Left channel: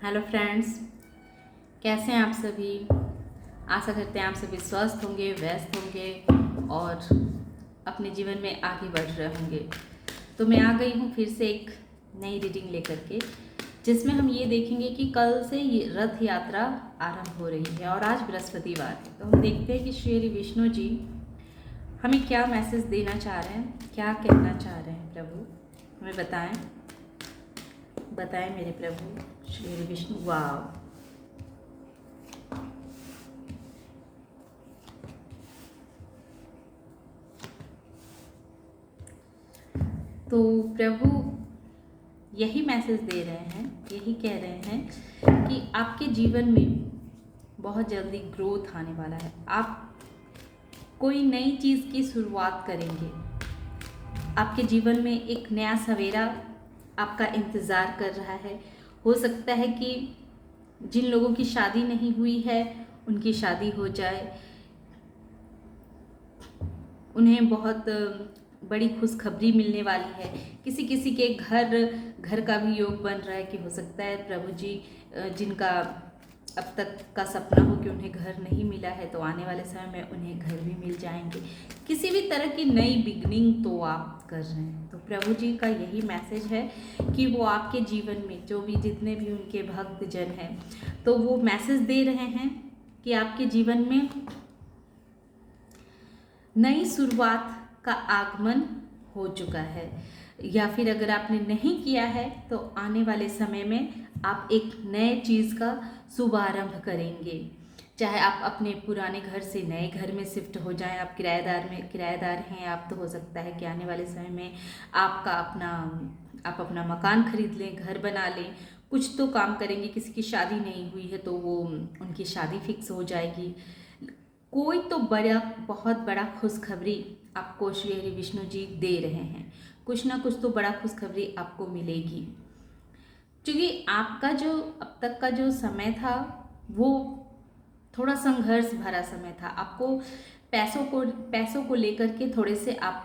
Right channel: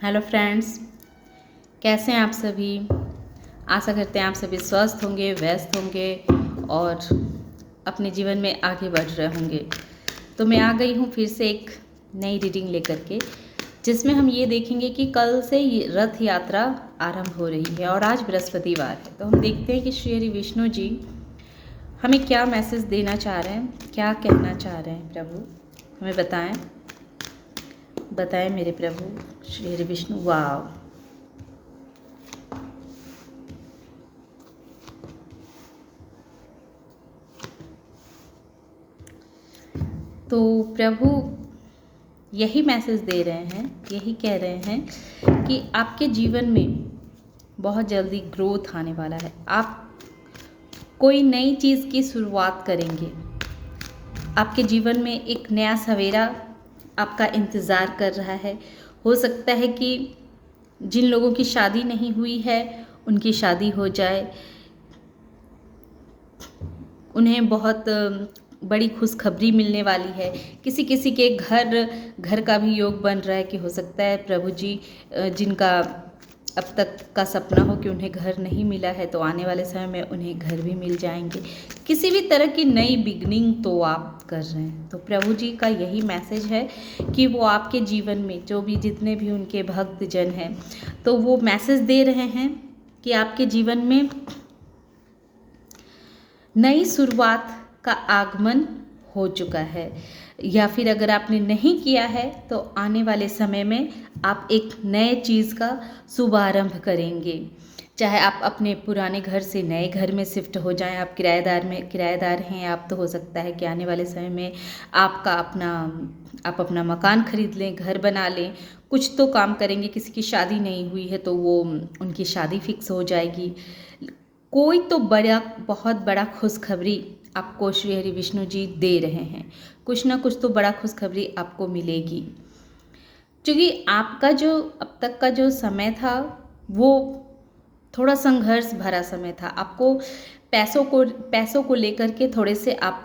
Hello friends, कैसे हैं आप सभी। आशा करते हैं आप सभी स्वस्थ होंगे, व्यस्त होंगे और अपने जीवन में आगे बढ़ रहे होंगे। तो मैं आ गई हूँ फिर से एक नई रीडिंग लेकर के, जिसमें हम ये देखेंगे कि कल से ये रथ यात्रा आरंभ हो रही है और आज बृहस्पतिवार है। तो हम देखते हैं कि श्री हरि विष्णु जी हमें क्या मैसेज देना चाह रहे हैं, क्या कहना चाह रहे हैं। प्रभु हमें बताएं, बताएं मेरे प्रभु श्री हरि विष्णु। वाह, तो प्रभु यही मैसेज दे रहे हैं, यही कह रहे हैं कि आपके जीवन में बहुत जल्दी ग्रोथ आने वाला है। आप कोई नई चीज़ की शुरुआत करेंगे। आपके जीवन में एक नया सवेरा आपका इंतज़ार कर रहा है। हो सकता है कि जिन लोगों की शादी नहीं हुई है उनकी शादी हो जाए, उन्हें बहुत बड़ी खुशखबरी मिलने वाली है। किसी किसी के घर का भी योग बन रहा है कि हो सकता है प्रभु जी जिनका अब तक का सपना हो कि उन्हें घर नहीं मिला है, तो आने वाले समय में उन्हें घर भी मिल जाएंगे। किसी भी तरह की नई बिगनिंग तो आप कर रहे हैं। तो प्रभु जी का यही मैसेज है कि वो आपके जीवन में जो भी जितने भी उनके भक्त जन हैं, तो वो मैसेज दे रहे हैं कि आपके जीवन में नई शुरुआत का आगमन हो चुका है, या फिर अगर आपने नहीं किया है तो आने वाले समय में आप एक नए चीज़ का शुभारंभ करेंगे। चाहे आप अपने पुराने घर से नए घर में शिफ्ट हो जाएं, आप किराएदार हैं आप, तो हो सकता है कि आने वाले समय में आप अपना मकान खरीद लें, घर बना लें, कुछ तो काम करेंगे। किसी की शादी नहीं हुई है तो वो उनकी शादी फिक्स हो जाएगी। कोई तो बहुत बड़ा खुशखबरी आपको श्री हरि विष्णु जी दे रहे हैं। कुछ ना कुछ तो बड़ा खुशखबरी आपको मिलेगी, क्योंकि आपका जो अब तक का जो समय था वो थोड़ा संघर्ष भरा समय था। आपको पैसों को लेकर के थोड़े से आप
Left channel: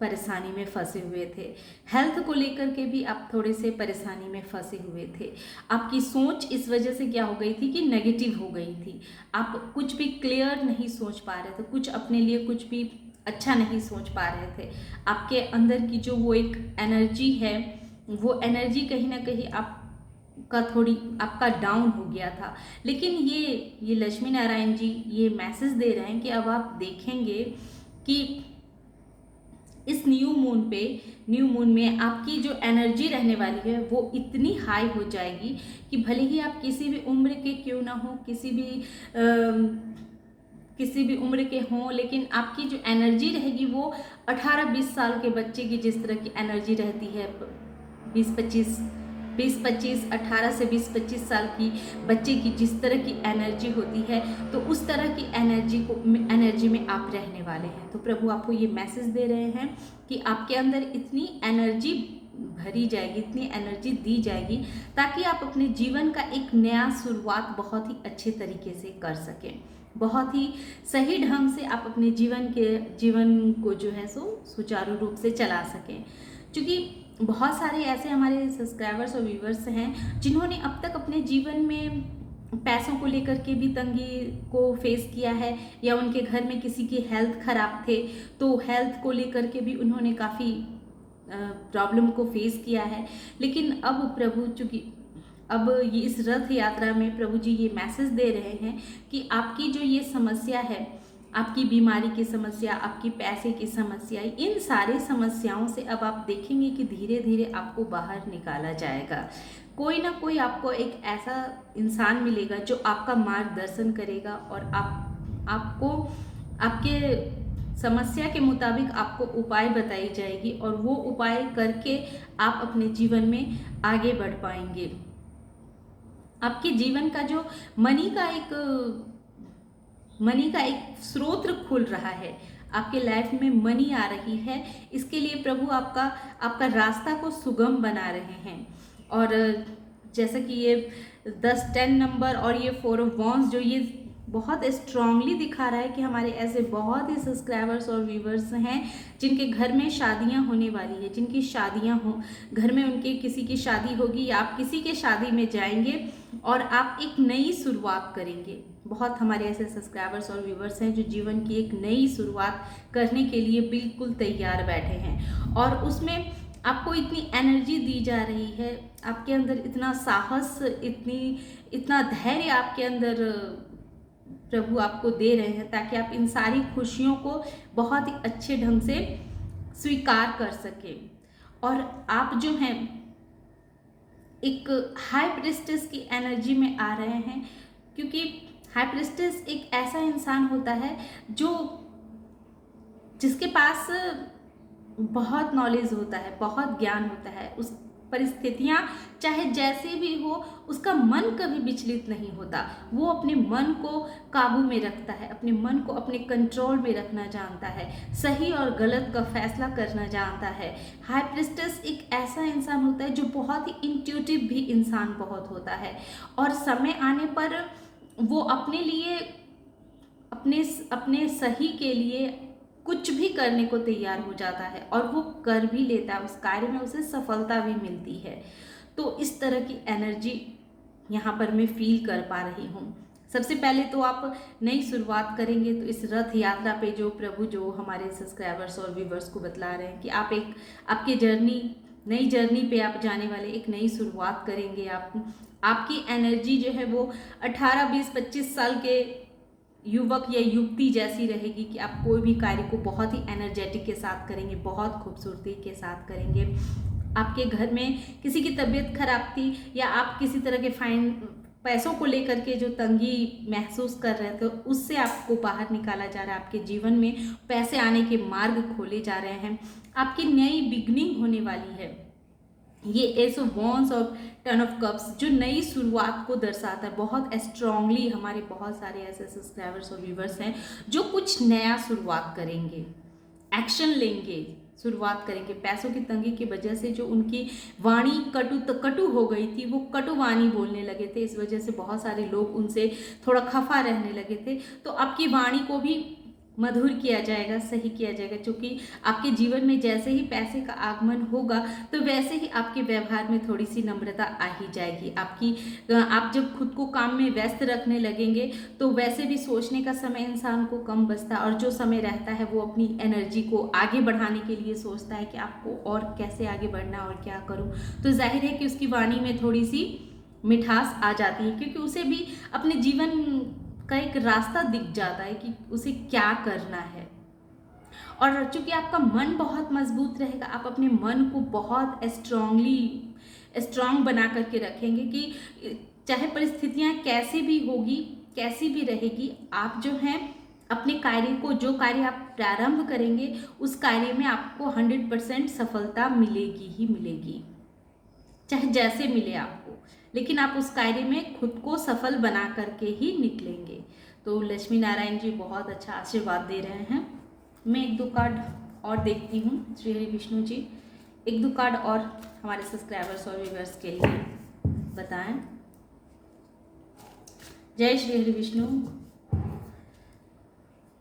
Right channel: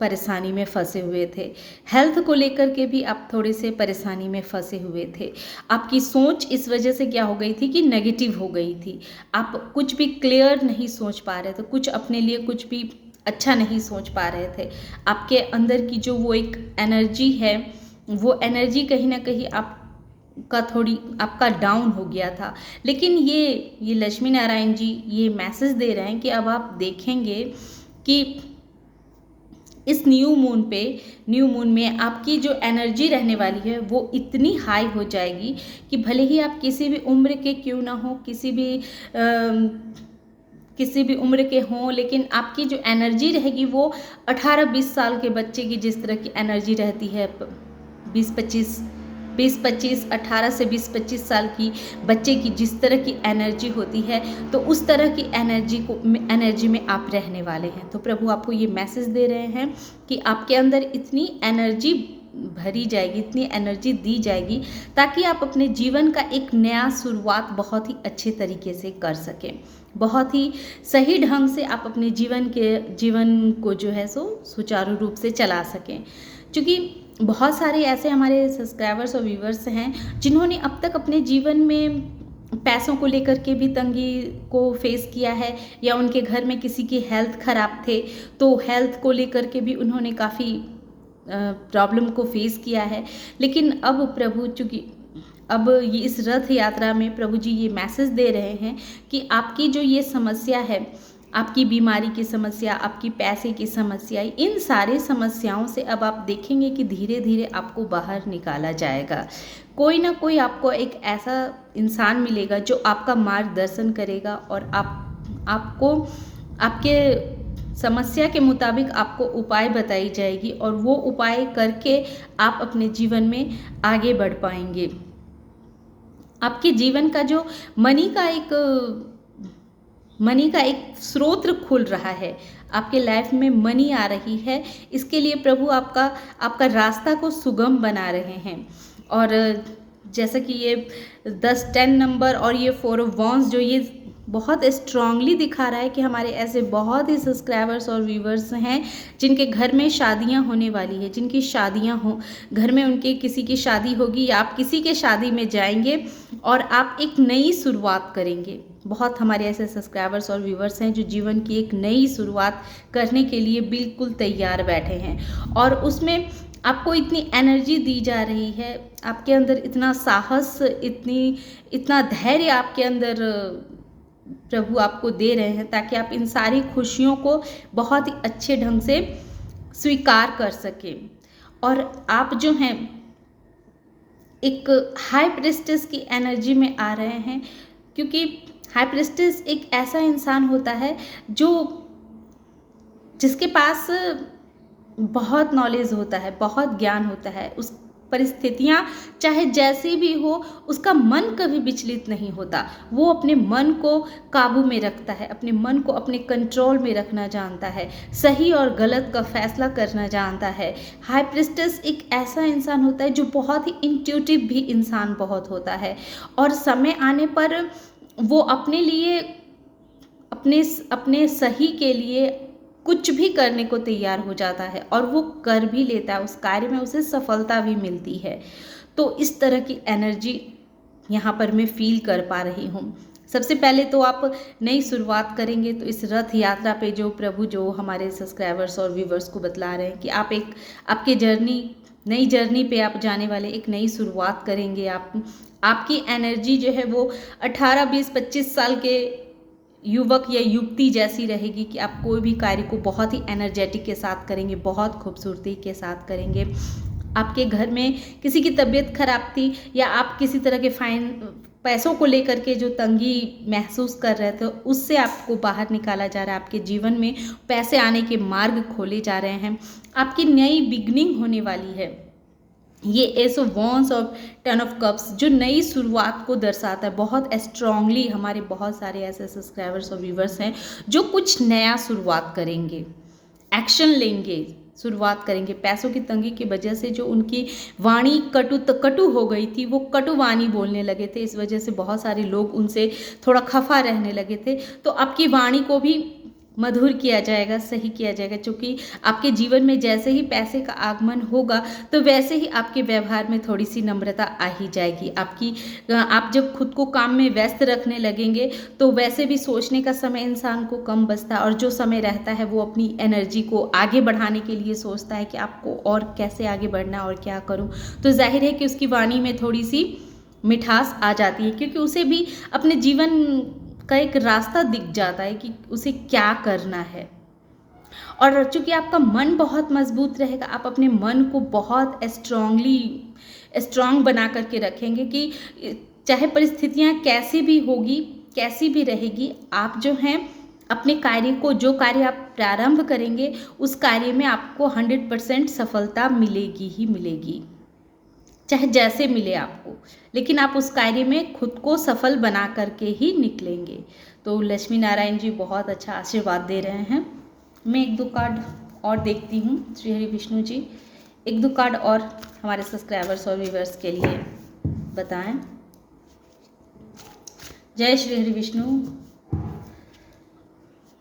परेशानी में फंसे हुए थे। हेल्थ को लेकर के भी आप थोड़े से परेशानी में फंसे हुए थे। आपकी सोच इस वजह से क्या हो गई थी कि नेगेटिव हो गई थी। आप कुछ भी क्लियर नहीं सोच पा रहे थे, कुछ अपने लिए कुछ भी अच्छा नहीं सोच पा रहे थे। आपके अंदर की जो वो एक एनर्जी है, वो एनर्जी कहीं ना कहीं आपका डाउन हो गया था। लेकिन ये लक्ष्मी नारायण जी ये मैसेज दे रहे हैं कि अब आप देखेंगे कि इस न्यू मून में आपकी जो एनर्जी रहने वाली है वो इतनी हाई हो जाएगी कि भले ही आप किसी भी उम्र के क्यों ना हो, किसी भी उम्र के हों, लेकिन आपकी जो एनर्जी रहेगी वो 18-20 साल के बच्चे की जिस तरह की एनर्जी रहती है, 18 से 20-25 साल की बच्चे की जिस तरह की एनर्जी होती है, तो उस तरह की एनर्जी में आप रहने वाले हैं। तो प्रभु आपको ये मैसेज दे रहे हैं कि आपके अंदर इतनी एनर्जी भरी जाएगी, इतनी एनर्जी दी जाएगी ताकि आप अपने जीवन का एक नया शुरुआत बहुत ही अच्छे तरीके से कर सकें। बहुत ही सही ढंग से आप अपने जीवन को जो है सो सुचारू रूप से चला सकें। क्योंकि बहुत सारे ऐसे हमारे सब्सक्राइबर्स और व्यूवर्स हैं जिन्होंने अब तक अपने जीवन में पैसों को लेकर के भी तंगी को फेस किया है, या उनके घर में किसी की हेल्थ खराब थे तो हेल्थ को लेकर के भी उन्होंने काफ़ी प्रॉब्लम को फेस किया है। लेकिन अब प्रभु चूँकि अब ये इस रथ यात्रा में प्रभु जी ये मैसेज दे रहे हैं कि आपकी जो ये समस्या है, आपकी बीमारी की समस्या, आपकी पैसे की समस्या, इन सारी समस्याओं से अब आप देखेंगे कि धीरे धीरे आपको बाहर निकाला जाएगा। कोई ना कोई आपको एक ऐसा इंसान मिलेगा जो आपका मार्गदर्शन करेगा और आपको आपके समस्या के मुताबिक आपको उपाय बताई जाएगी, और वो उपाय करके आप अपने जीवन में आगे बढ़ पाएंगे। आपके जीवन का जो मनी का एक स्रोत खुल रहा है, आपके लाइफ में मनी आ रही है। इसके लिए प्रभु आपका रास्ता को सुगम बना रहे हैं। और जैसा कि ये 10 नंबर और ये 4 ऑफ वॉन्ड्स जो ये बहुत स्ट्रांगली दिखा रहा है कि हमारे ऐसे बहुत ही सब्सक्राइबर्स और व्यूवर्स हैं जिनके घर में शादियां होने वाली है, जिनकी शादियां हो, घर में उनके किसी की शादी होगी या आप किसी के शादी में जाएंगे और आप एक नई शुरुआत करेंगे। बहुत हमारे ऐसे सब्सक्राइबर्स और व्यूवर्स हैं जो जीवन की एक नई शुरुआत करने के लिए बिल्कुल तैयार बैठे हैं और उसमें आपको इतनी एनर्जी दी जा रही है, आपके अंदर इतना साहस, इतना धैर्य आपके अंदर प्रभु आपको दे रहे हैं ताकि आप इन सारी खुशियों को बहुत ही अच्छे ढंग से स्वीकार कर सकें। और आप जो हैं एक हाई प्रिस्टेस की एनर्जी में आ रहे हैं, क्योंकि हाई प्रिस्टेस एक ऐसा इंसान होता है जिसके पास बहुत नॉलेज होता है, बहुत ज्ञान होता है, उस परिस्थितियाँ चाहे जैसी भी हो उसका मन कभी विचलित नहीं होता। वो अपने मन को काबू में रखता है, अपने मन को अपने कंट्रोल में रखना जानता है, सही और गलत का फैसला करना जानता है। हाई प्रिस्टेस एक ऐसा इंसान होता है जो बहुत ही इंट्यूटिव भी इंसान बहुत होता है और समय आने पर वो अपने लिए, अपने सही के लिए कुछ भी करने को तैयार हो जाता है और वो कर भी लेता है, उस कार्य में उसे सफलता भी मिलती है। तो इस तरह की एनर्जी यहाँ पर मैं फील कर पा रही हूँ। सबसे पहले तो आप नई शुरुआत करेंगे तो इस रथ यात्रा पे जो प्रभु जो हमारे सब्सक्राइबर्स और व्यूवर्स को बतला रहे हैं कि आप एक आपके नई जर्नी पे आप जाने वाले, एक नई शुरुआत करेंगे। आपकी एनर्जी जो है वो 18, 20, 25 साल के युवक या युवती जैसी रहेगी कि आप कोई भी कार्य को बहुत ही एनर्जेटिक के साथ करेंगे, बहुत खूबसूरती के साथ करेंगे। आपके घर में किसी की तबीयत खराब थी या आप किसी तरह के पैसों को लेकर के जो तंगी महसूस कर रहे थे उससे आपको बाहर निकाला जा रहा है। आपके जीवन में पैसे आने के मार्ग खोले जा रहे हैं, आपकी नई बिगनिंग होने वाली है। ये एस ऑफ वॉन्ड्स और 10 ऑफ कप्स जो नई शुरुआत को दर्शाता है। बहुत स्ट्रांगली हमारे बहुत सारे ऐसे सब्सक्राइबर्स और व्यूवर्स हैं जो कुछ नया शुरुआत करेंगे, एक्शन लेंगे, शुरुआत करेंगे। पैसों की तंगी की वजह से जो उनकी वाणी कटु हो गई थी, वो कटु वाणी बोलने लगे थे, इस वजह से बहुत सारे लोग उनसे थोड़ा खफा रहने लगे थे। तो आपकी वाणी को भी मधुर किया जाएगा, सही किया जाएगा, क्योंकि आपके जीवन में जैसे ही पैसे का आगमन होगा तो वैसे ही आपके व्यवहार में थोड़ी सी नम्रता आ ही जाएगी। आप जब खुद को काम में व्यस्त रखने लगेंगे तो वैसे भी सोचने का समय इंसान को कम बचता है और जो समय रहता है वो अपनी एनर्जी को आगे बढ़ाने के लिए सोचता है कि आपको और कैसे आगे बढ़ना और क्या करूँ। तो जाहिर है कि उसकी वाणी में थोड़ी सी मिठास आ जाती है, क्योंकि उसे भी अपने जीवन का एक रास्ता दिख जाता है कि उसे क्या करना है। और चूंकि आपका मन बहुत मजबूत रहेगा, आप अपने मन को बहुत स्ट्रांग बना करके रखेंगे कि चाहे परिस्थितियां कैसी भी होगी, कैसी भी रहेगी, आप जो हैं अपने कार्य को, जो कार्य आप प्रारंभ करेंगे उस कार्य में आपको 100% सफलता मिलेगी ही मिलेगी, चाहे जैसे मिले आपको, लेकिन आप उस कार्य में खुद को सफल बना करके ही निकलेंगे। तो लक्ष्मी नारायण जी बहुत अच्छा आशीर्वाद दे रहे हैं। मैं 1-2 कार्ड और देखती हूँ। श्री हरि विष्णु जी 1-2 कार्ड और हमारे सब्सक्राइबर्स और व्यूवर्स के लिए बताएं। जय श्री हरि विष्णु,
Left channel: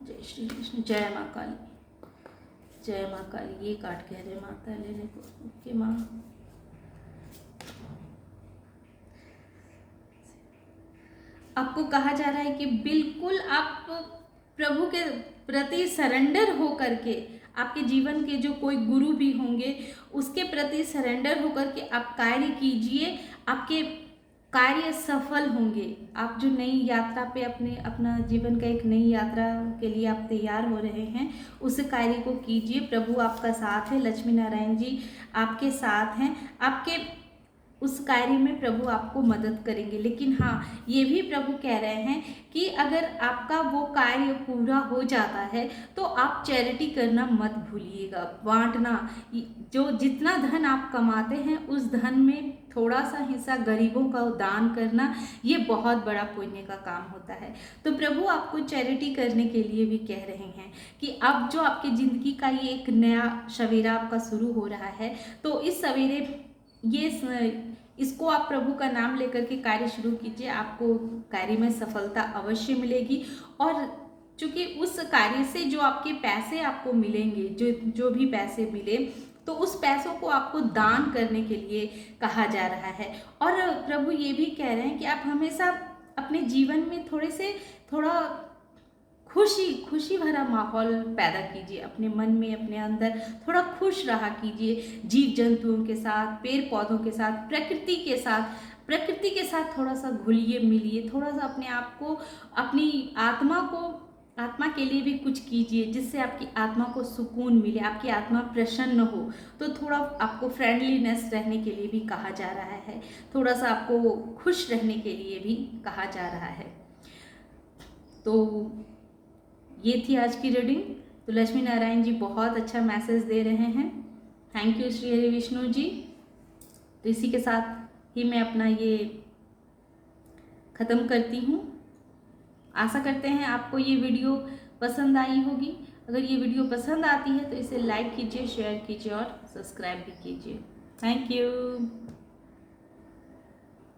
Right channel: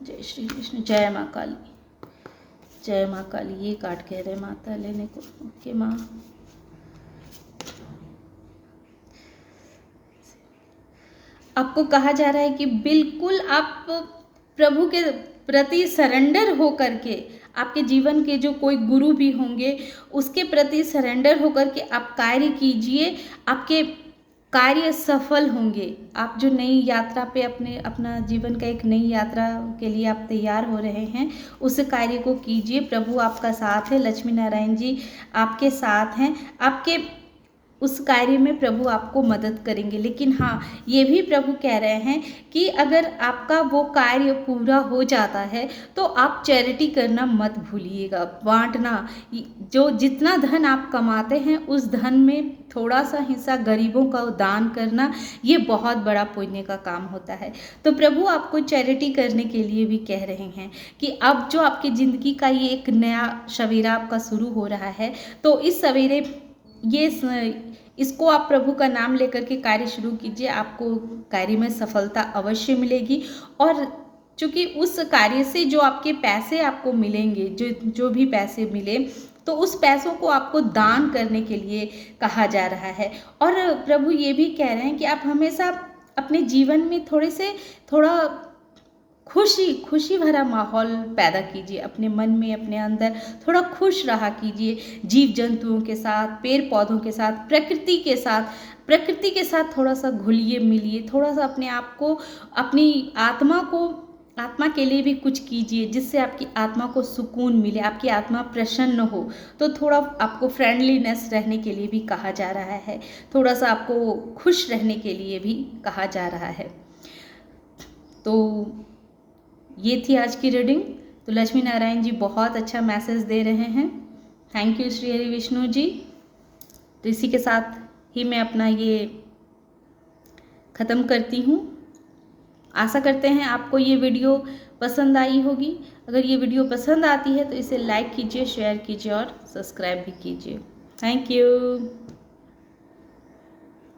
जय श्री विष्णु, जय माँ काली, जय माँ काली। ये कार्ड कह रहे माता लेने को। ओके माँ, आपको कहा जा रहा है कि बिल्कुल आप प्रभु के प्रति सरेंडर हो करके, आपके जीवन के जो कोई गुरु भी होंगे उसके प्रति सरेंडर होकर के आप कार्य कीजिए, आपके कार्य सफल होंगे। आप जो नई यात्रा पे अपना जीवन का एक नई यात्रा के लिए आप तैयार हो रहे हैं, उस कार्य को कीजिए। प्रभु आपका साथ है, लक्ष्मी नारायण जी आपके साथ हैं, आपके उस कार्य में प्रभु आपको मदद करेंगे। लेकिन हाँ, ये भी प्रभु कह रहे हैं कि अगर आपका वो कार्य पूरा हो जाता है तो आप चैरिटी करना मत भूलिएगा, बांटना। जो जितना धन आप कमाते हैं उस धन में थोड़ा सा हिस्सा गरीबों का दान करना, ये बहुत बड़ा पुण्य का काम होता है। तो प्रभु आपको चैरिटी करने के लिए भी कह रहे हैं कि अब जो आपकी ज़िंदगी का ये एक नया सवेरा आपका शुरू हो रहा है, तो इस सवेरे इसको आप प्रभु का नाम लेकर के कार्य शुरू कीजिए, आपको कार्य में सफलता अवश्य मिलेगी। और चूँकि उस कार्य से जो आपके पैसे आपको मिलेंगे, जो भी पैसे मिले, तो उस पैसों को आपको दान करने के लिए कहा जा रहा है। और प्रभु ये भी कह रहे हैं कि आप हमेशा अपने जीवन में थोड़ा खुशी भरा माहौल पैदा कीजिए, अपने मन में, अपने अंदर थोड़ा खुश रहा कीजिए, जीव जंतुओं के साथ, पेड़ पौधों के साथ, प्रकृति के साथ थोड़ा सा घुलिए मिलिए, थोड़ा सा अपने आप को, अपनी आत्मा के लिए भी कुछ कीजिए, जिससे आपकी आत्मा को सुकून मिले, आपकी आत्मा प्रसन्न हो। तो थोड़ा आपको फ्रेंडलीनेस रहने के लिए भी कहा जा रहा है, थोड़ा सा आपको खुश रहने के लिए भी कहा जा रहा है। तो ये थी आज की रीडिंग। तो लक्ष्मी नारायण जी बहुत अच्छा मैसेज दे रहे हैं। Thank you Shri Hari Vishnu ji. तो इसी के साथ ही मैं अपना ये ख़त्म करती हूँ। आशा करते हैं आपको ये वीडियो पसंद आई होगी। अगर ये वीडियो पसंद आती है तो इसे लाइक कीजिए, शेयर कीजिए और सब्सक्राइब भी कीजिए। Thank you.